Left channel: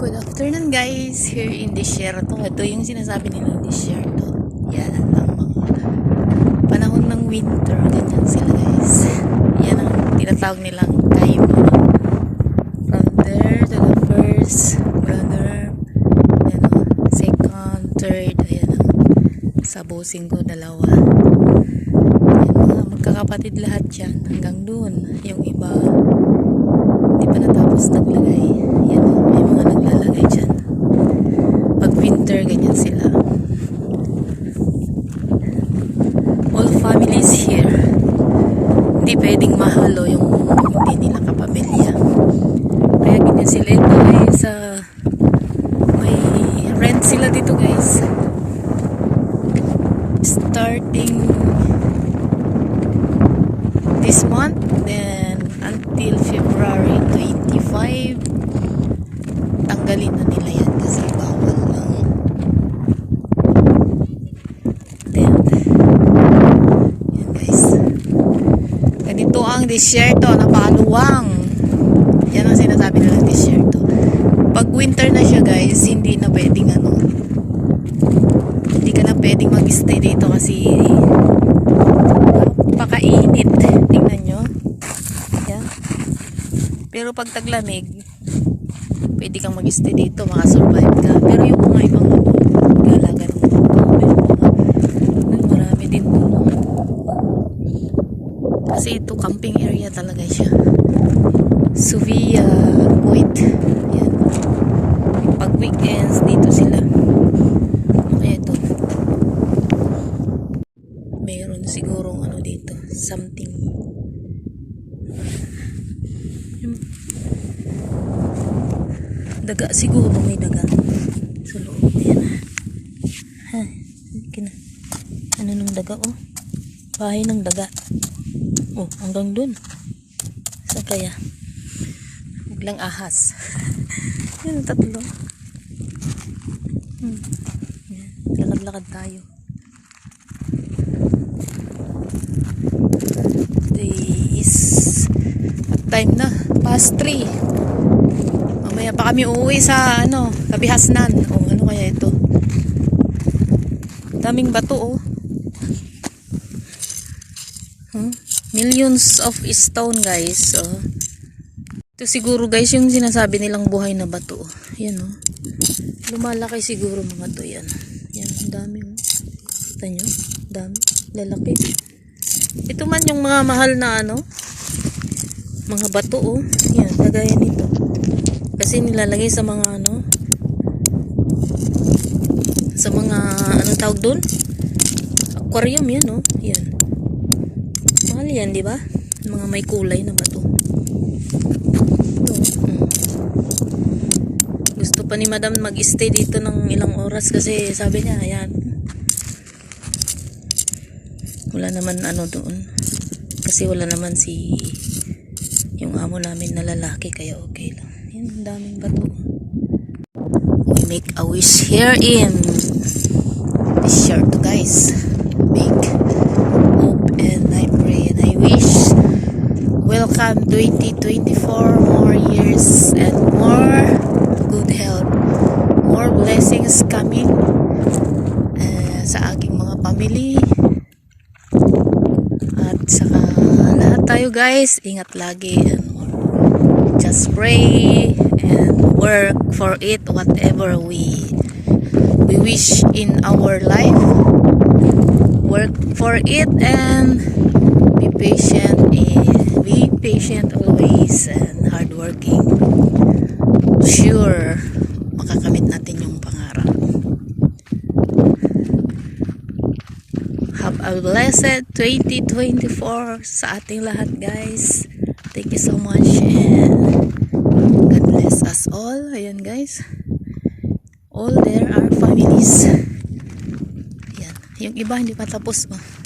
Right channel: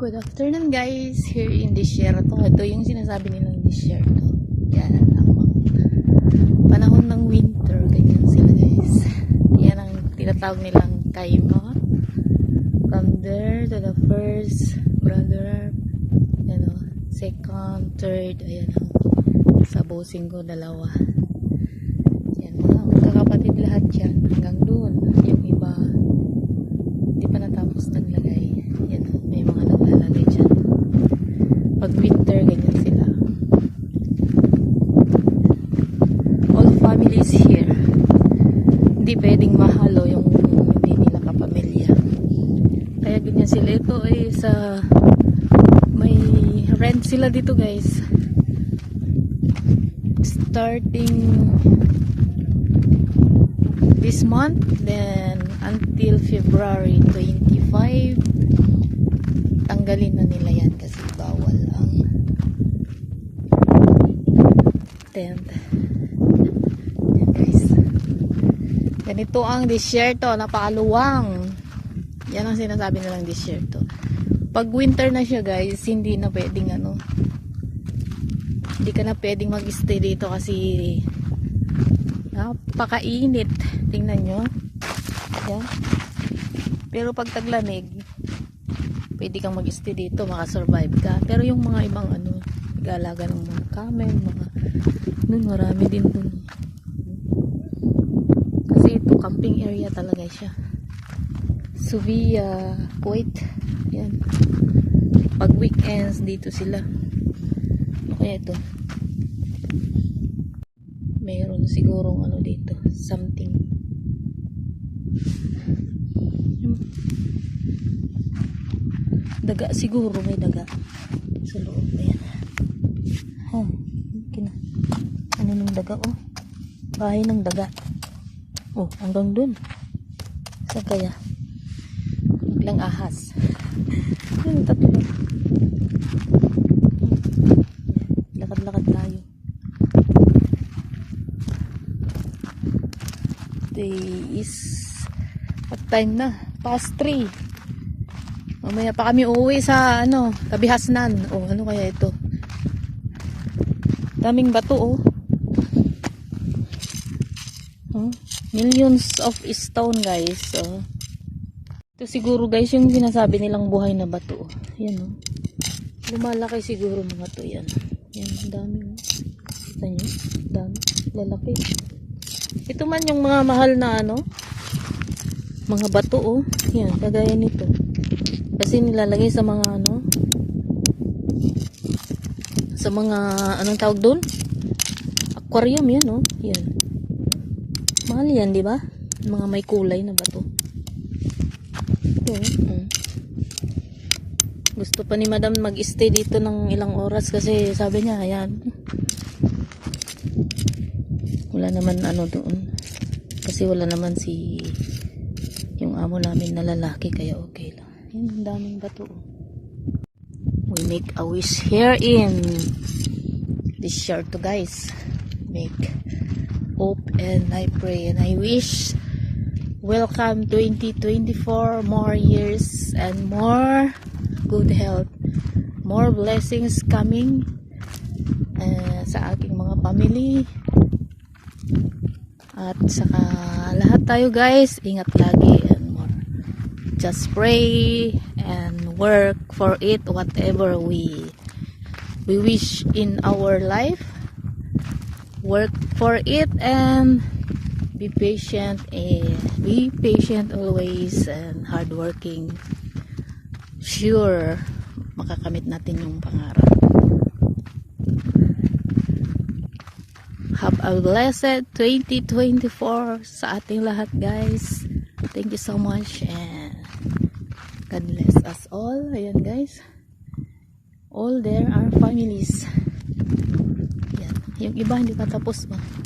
Good afternoon guys, here in Desierto. Ito yung sinasabi nilang Desierto. Yan ang mga panahon ng winter. Ganyan sila guys. Yan ang tinatawag nilang kaima. From there to the first brother, yan o, second, third, ayan o. Sa busing ko, dalawa. Yan mga magkakapatid lahat yan. Hanggang doon. Yung iba, hindi pa natapos naglagay. Yan, oh, may mga naglalagay dyan. Pag winter, ganyan sila. All families here. Hindi pwedeng mahalo yung hindi nila kapamilya. Kaya ganyan sila. Ito ay sa may rent sila dito guys. Starting this month then until February 25 tanggalin na nila yan kasi bawal lang then yan guys ganito ang disyerto napakaluwang yan ang sinasabi nilang disyerto pag winter na siya guys hindi na pwedeng ano hindi ka na pwedeng mag-stay dito kasi napakainit. Tingnan nyo. Yan. Pero pag taglamig, pwede kang mag-stay dito, makasurvive ka. Pero yung mga ibang ano, galagan mo. Ito, may mga, may marami din doon. Kasi ito, camping area talaga siya. Suvia, Kuwait. Yan. Pag weekends, dito sila. Kaya ito. Meron sigurong ano dito. Something. Daga siguro may daga. Sa loob. Ayan. Ha. Kina. Ano nung daga oh? Bahay ng daga. Oh, hanggang dun. Saan kaya? Biglang ahas. Yun, tatlo. Lakad-lakad tayo. Today is what time na? Past 3. Mamaya pa kami uuwi sa ano, Kabihasnan. O ano kaya ito? Daming bato oh. Hmm? Millions of stone guys. Oh. Ito siguro guys yung sinasabi nilang buhay na bato. Yan oh. Lumalaki siguro mga to yan. Yan, dami oh. Kita nyo? Dami. Lalaki. Ito man yung mga mahal na ano. Mga bato oh. Yan, kagaya nito. Kasi nilalagay sa mga ano. Sa mga, anong tawag doon? Aquarium yan oh. Yan. Mahal yan, di ba? Mga may kulay na bato. Ito. mm. Gusto pa ni madam mag-stay dito ng ilang oras kasi sabi niya, ayan. Wala naman ano doon. Kasi wala naman si yung amo namin na lalaki kaya okay lang. Yan, daming bato. We make a wish here in this shirt guys. Make welcome 2024 more years and more good health. More blessings coming eh, sa aking mga family. At saka lahat tayo guys. Ingat lagi and just pray and work for it whatever we we wish in our life. Work for it and be patient and be patient always and hardworking sure makakamit natin yung pangarap have a blessed 2024 sa ating lahat guys thank you so much and God bless us all ayan guys all there are families Yan. Yung iba hindi pa tapos. Yan.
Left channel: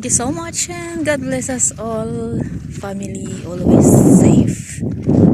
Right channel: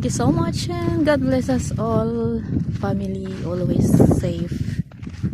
Thank you so much and God bless us all. Family always safe.